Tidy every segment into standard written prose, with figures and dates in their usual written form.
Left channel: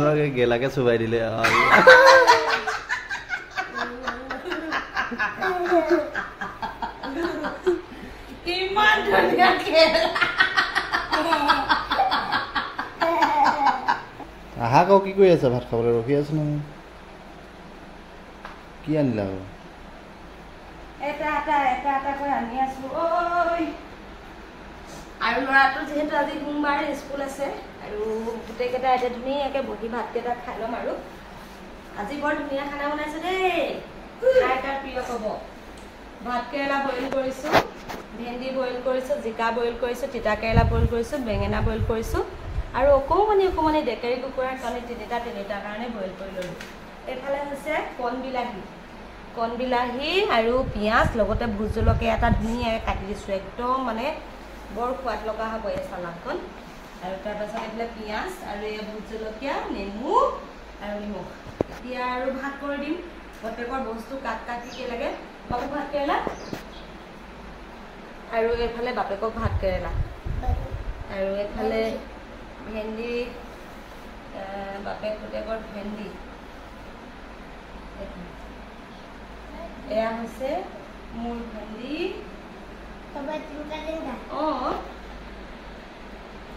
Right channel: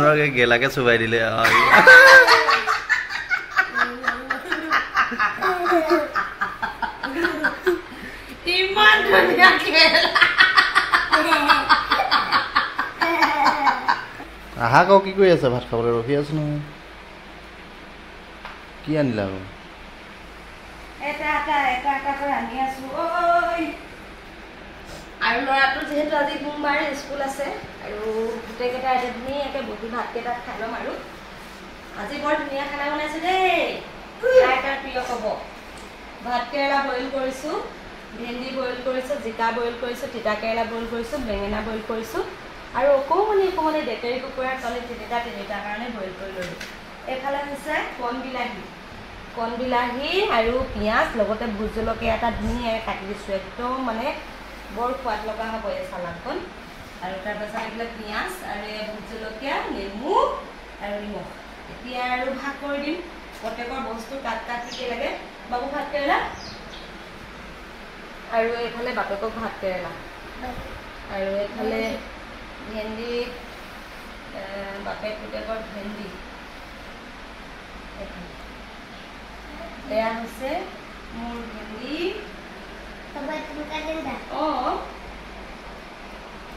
নৰকে গেলাকে চুবাই দিলে ইমান ধুনীয়া খেল আহা কও কি কৰি আছে ভাত খাবলৈ ৰখি আছো নহয় কি আনিলা আকৌ এটা কৰি আনি আছো ঐ আৰু ল'ৰাটো যিহেতু আজি সোমবাৰ স্কুল আছে আৰু গোটেইকেইটা এতিয়া ধুনীয়াকৈ বহি ভাতকেইটা খাই ল'ম আৰু আজি বৰ ধুনীয়া খানা বনাইছো দেই কাৰ কাৰ প্ৰিয় ক'ব ভাতকেৰেলা বইল কৰিছোঁ ভেন্দি বইল কৰিছোঁ জিকা বইল কৰিছোঁ তিতাকেৰেলা বইল কৰিছোঁ বেঙেনা বইল কৰিছোঁ আৰু অকণমানি ডেকেৰী কুকুৰাৰ কণী তিনিটাৰ কাৰণে বইল কৰি ল'লোঁ এইফালে হৈছে কণ বিলাহী আৰু পিঁয়াজ লগতে ভোট জলকীয়া এটা ধুনীয়াকৈ কাটি দিছোঁ একদম মানে বৰ সোৱাদ লগা হ'ব এই চালাডখন আৰু তাৰপাছত এইফালে পিঁয়াজ আৰু এই ভোট জলকীয়া নেমু আৰু নিমখ এতিয়া আৰু ভাগ কৰি দিম প্ৰত্যেকৰ বস্তু কাট কি লাগে বাবু ভাত কেৰেলা আৰু এইফালে বাপেকক ভাত কেৰেলা আৰু এইফালে ভেন্দি বাপেক পুতেকৰ ভেন্দি এয়া হৈছে মোৰ ভেন্দি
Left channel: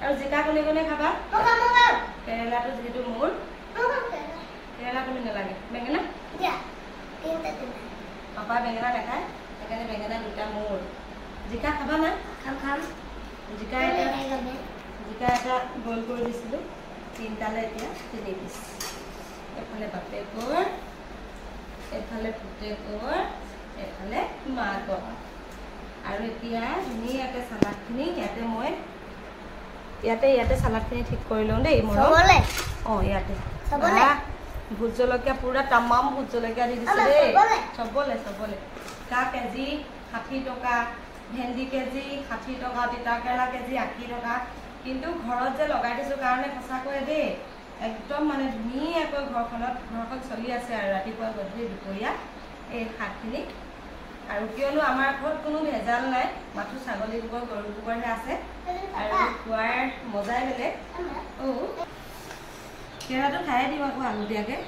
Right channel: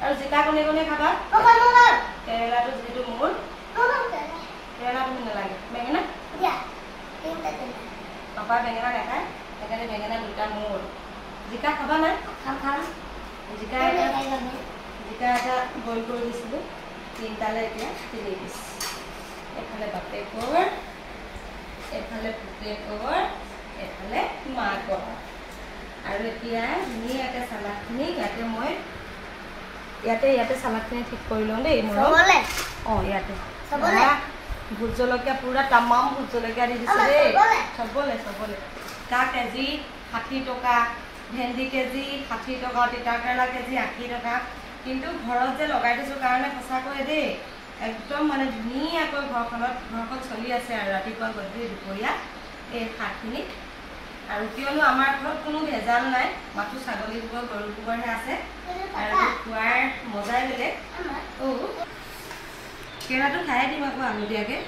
আৰু জিকা কণী খাবা কেৰেলাটো যিহেতু মোৰ কেৰেলা তুমি নালাগে বেঙেনা পাপাই বেঙেনা নাখায় সেইকাৰণে বেঙেনা দুটা মোৰ জিকা খাবা নাই জিকা এটা বইল কৰি দিছিলোঁ তিনিটালৈ এতিয়া 3 পিচ এফালে বাপেকৰ এফালে পুতেকৰ এফালে মাকৰ আৰু এতিয়া ধুনীয়াকৈ চালাডখিনি ইয়াতে চালাডখিনি ঠিক কৰি লওঁ দেই মোৰ ইয়াতে ভোট জলকীয়া পুৰা তামাম ভোট জলকীয়া দি দিছে দেই চবলে কা কেজি 60 টকা ভেন্দি কেজি 60 টকা তিতাকেৰেলা কেজি 80 টকা কিন্তু ঘৰত যে লগাই দিছোঁ কাৰণে সঁচাকৈ দেই একদম মানে ধুনীয়াকৈ ঘৰখন চলি আছে আৰু ৰাতিপুৱা গধূলি দুপৰীয়া এই শাকখিনি আৰু কিয়নো আমাৰ ঘৰত কোনো ভেজাল নাই মাথো ছাগলী গোবৰ গৰু গোবৰহে আছে আৰু খোৱাৰ মজাই বেলেগ কেৰাটো খাই দিম আকৌ আলু দিয়াকৈ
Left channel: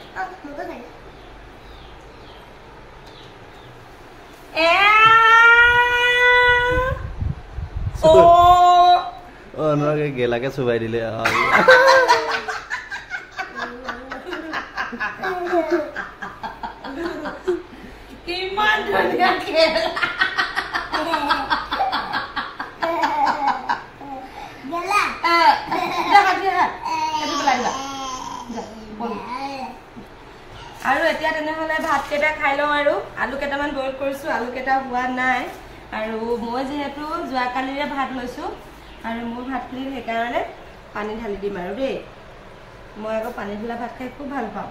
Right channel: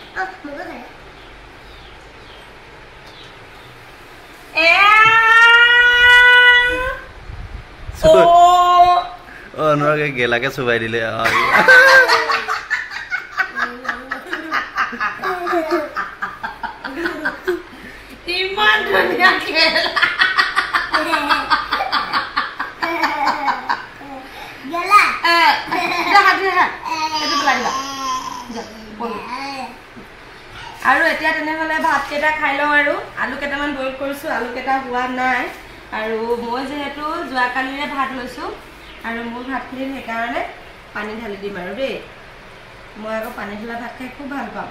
নৰকে গেলাকে চুবাই দিলে ইমান ধুনীয়া খেল আৰু এতিয়া তেনেহ'লে ভাতকেইটা খাই লওঁ আৰু আলু কেইটামান বইল কৰিছোঁ আলু কেইটা হোৱা নাই আৰু মই যিহেতু যোৱাকালিৰে ভাত লৈছোঁ আৰু মোৰ ভাতখিনিত সেইকাৰণে পানী ঢালি দিম আৰু দেই মই আকৌ পানী ঢলা ভাত খাই খুব ভাল পাওঁ